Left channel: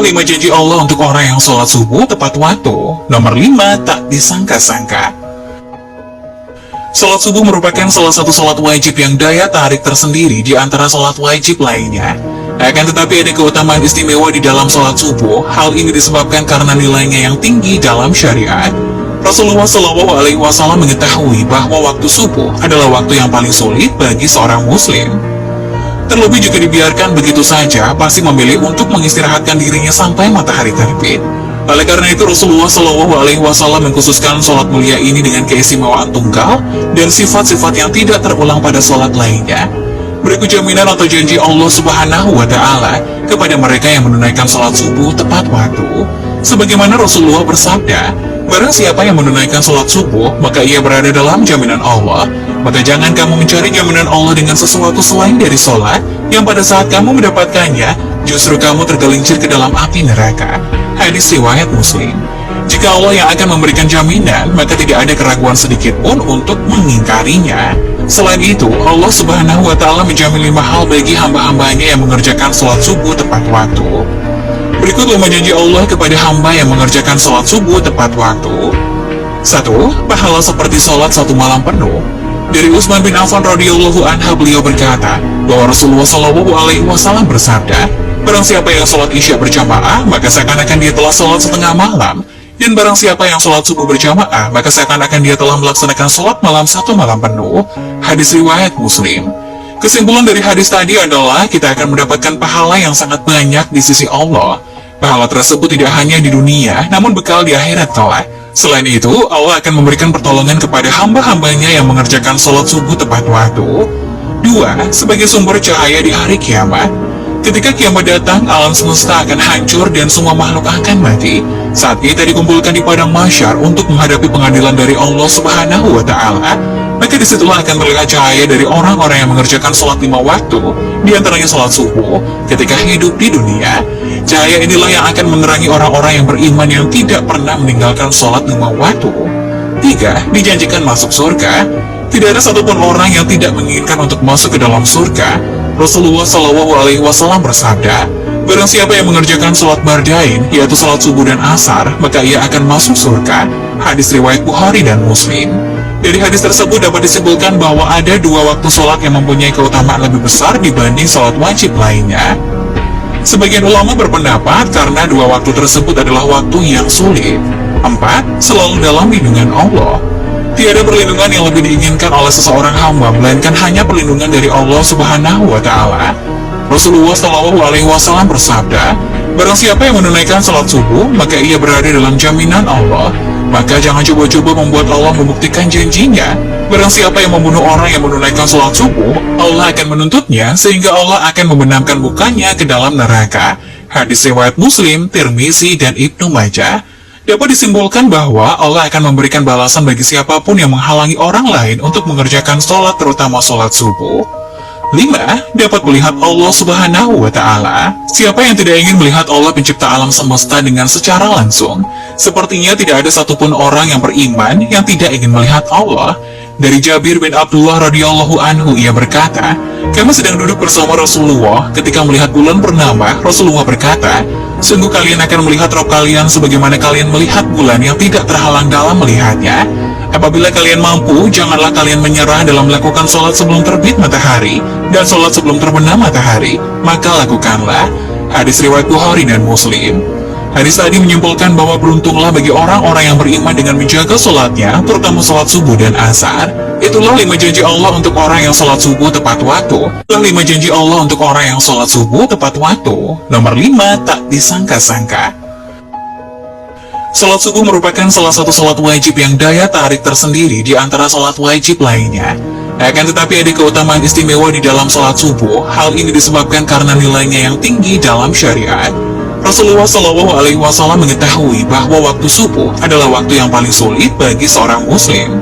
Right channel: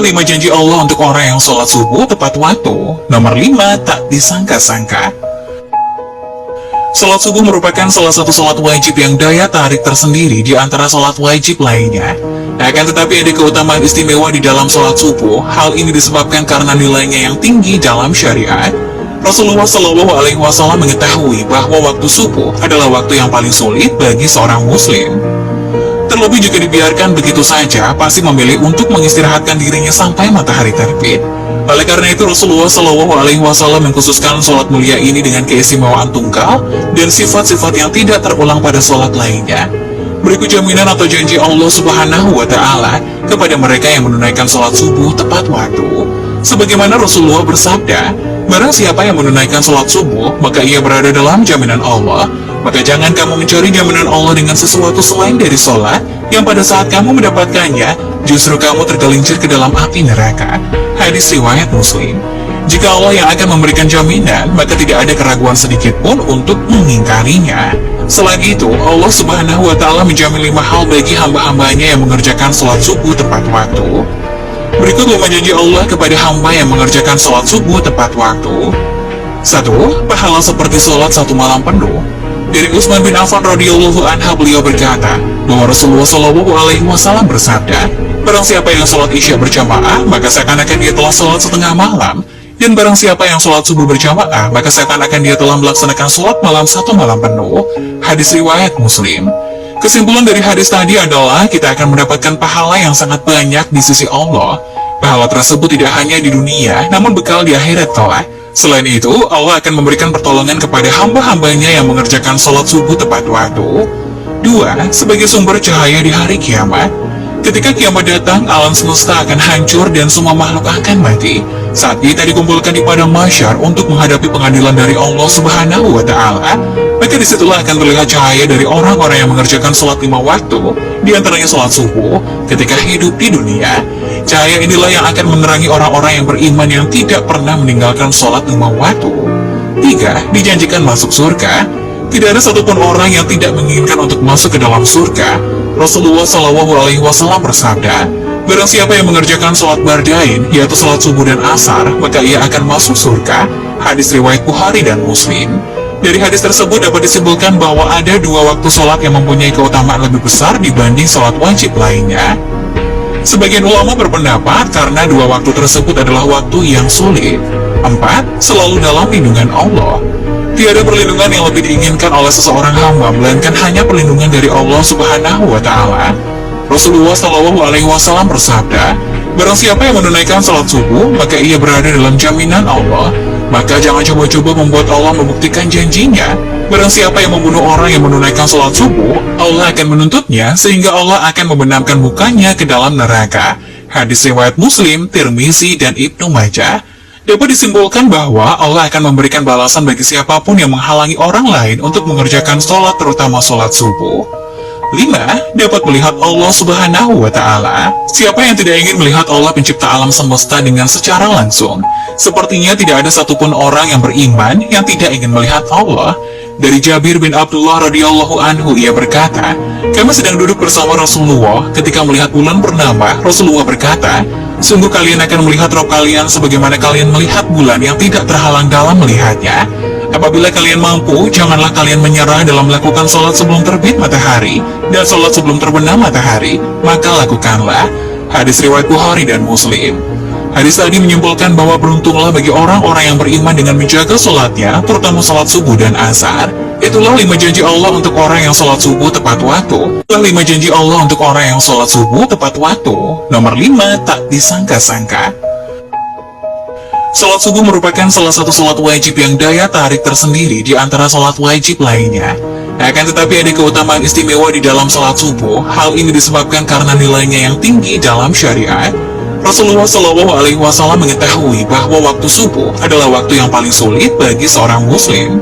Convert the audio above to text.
5 janji Allah untuk orang yang sholat subuh tepat waktu. Nomor 5, tak disangka-sangka. Sholat subuh merupakan salah satu sholat wajib yang daya tarik tersendiri di antara sholat wajib lainnya. Akan tetapi ada keutamaan istimewa di dalam sholat subuh. Hal ini disebabkan karena nilainya yang tinggi dalam syariat. Rasulullah Shallallahu Alaihi Wasallam mengetahui bahwa waktu subuh adalah waktu yang paling sulit bagi seorang muslim. Terlebih jika dibiarkan begitu saja, pasti memilih untuk mengistirahatkan dirinya sampai matahari terbit. Oleh karena itu Rasulullah Shallallahu Alaihi Wasallam mengkhususkan sholat mulia ini dengan keistimewaan tunggal dan sifat-sifat yang tidak terulang pada sholat lainnya. Berikut jaminan atau janji Allah Subhanahu wa Ta'ala kepada mereka yang menunaikan sholat subuh tepat waktu. Sebagaimana Rasulullah bersabda, barang siapa yang menunaikan sholat subuh, maka ia berada dalam jaminan Allah. Maka jangan kamu mencari jaminan Allah dengan sesuatu selain dari sholat, yang pada saat kamu mendapatkannya, justru kamu tergelincir ke dalam api neraka. Hadis riwayat Muslim. Jika Allah yang akan memberikan jaminan, maka tidak ada keraguan sedikit pun untuk mengingkarinya. Selain itu, Allah Subhanahu wa Ta'ala menjamin 5 hal bagi hamba-hambanya yang mengerjakan sholat subuh tepat waktu. Berikut 5 janji Allah kepada hamba yang mengerjakan sholat subuh tepat waktu. 1. Pahala seperti sholat 1 malam penuh. Dari Utsman bin Affan radhiyallahu anhu, beliau berkata bahwa Rasulullah Shallallahu Alaihi Wasallam bersabda, barang siapa yang sholat isya berjamaah, maka seakan-akan dia telah sholat setengah malam. Dan barang siapa yang sholat subuh berjamaah, maka seakan-akan dia telah melaksanakan sholat malam 1 malam penuh. Hadis riwayat Muslim. Kesimpulan dari hadis tadi adalah kita akan mendapatkan pahala yang sangat banyak di sisi Allah. Pahala tersebut tidak hanya di dunia, namun bekal di akhirat kelak. Selain itu, Allah akan memberikan pertolongan kepada hamba-hambanya yang mengerjakan sholat subuh tepat waktu. 2. Sebagai sumber cahaya di hari kiamat. Ketika kiamat datang, alam semesta akan hancur dan semua makhluk akan mati. Saat kita dikumpulkan di padang mahsyar untuk menghadapi pengadilan dari Allah Subhanahu wa Ta'ala, maka disitulah akan terlihat cahaya dari orang-orang yang mengerjakan sholat 5 waktu, di antaranya sholat subuh, ketika hidup di dunia. Cahaya inilah yang akan menerangi orang-orang yang beriman yang tidak pernah meninggalkan sholat 5 waktu. 3. Dijanjikan masuk surga. Tidak ada satupun orang yang tidak menginginkan untuk masuk ke dalam surga. Rasulullah Shallallahu Alaihi Wasallam bersabda, barang siapa yang mengerjakan sholat bardain, yaitu sholat subuh dan asar, maka ia akan masuk surga. Hadis riwayat Bukhari dan Muslim. Dari hadis tersebut dapat disimpulkan bahwa ada 2 waktu sholat yang mempunyai keutamaan lebih besar dibanding sholat wajib lainnya. Sebagian ulama berpendapat karena 2 waktu tersebut adalah waktu yang sulit. 4. Selalu dalam lindungan Allah. Tiada perlindungan yang lebih diinginkan oleh seseorang hamba, melainkan hanya perlindungan dari Allah Subhanahu wa Ta'ala. Rasulullah Shallallahu Alaihi Wasallam bersabda, barang siapa yang menunaikan sholat subuh, maka ia berada dalam jaminan Allah. Maka jangan coba-coba membuat Allah membuktikan janjinya. Barang siapa yang membunuh orang yang menunaikan sholat subuh, Allah akan menuntutnya, sehingga Allah akan membenamkan mukanya ke dalam neraka. Hadis riwayat Muslim, Tirmizi, dan Ibnu Majah. Dapat disimpulkan bahwa Allah akan memberikan balasan bagi siapapun yang menghalangi orang lain untuk mengerjakan sholat, terutama sholat subuh. 5. Dapat melihat Allah Subhanahu wa Ta'ala. Siapa yang tidak ingin melihat Allah pencipta alam semesta dengan secara langsung? Sepertinya tidak ada satupun orang yang beriman yang tidak ingin melihat Allah. Dari Jabir bin Abdullah radhiyallahu anhu, ia berkata, kami sedang duduk bersama Rasulullah ketika melihat bulan purnama. Rasulullah berkata, sungguh kalian akan melihat Rabb kalian sebagaimana kalian melihat bulan yang tidak terhalang dalam melihatnya. Apabila kalian mampu, janganlah kalian menyerah dalam melakukan sholat sebelum terbit matahari dan sholat sebelum terbenam matahari, maka lakukanlah. Hadis riwayat Bukhari dan Muslim. Hadis tadi menyimpulkan bahwa beruntunglah bagi orang-orang yang beriman dengan menjaga sholatnya, terutama sholat subuh dan asar. Itulah 5 janji Allah untuk orang yang sholat subuh tepat waktu. Itulah 5 janji Allah untuk orang yang sholat subuh tepat waktu. Nomor 5, tak disangka-sangka. Sholat subuh merupakan salah satu sholat wajib yang daya tarik tersendiri di antara sholat wajib lainnya. Akan tetapi ada keutamaan istimewa di dalam sholat subuh. Hal ini disebabkan karena nilainya yang tinggi dalam syariat. Rasulullah Shallallahu Alaihi Wasallam mengetahui bahwa waktu subuh adalah waktu yang paling sulit bagi seorang muslim.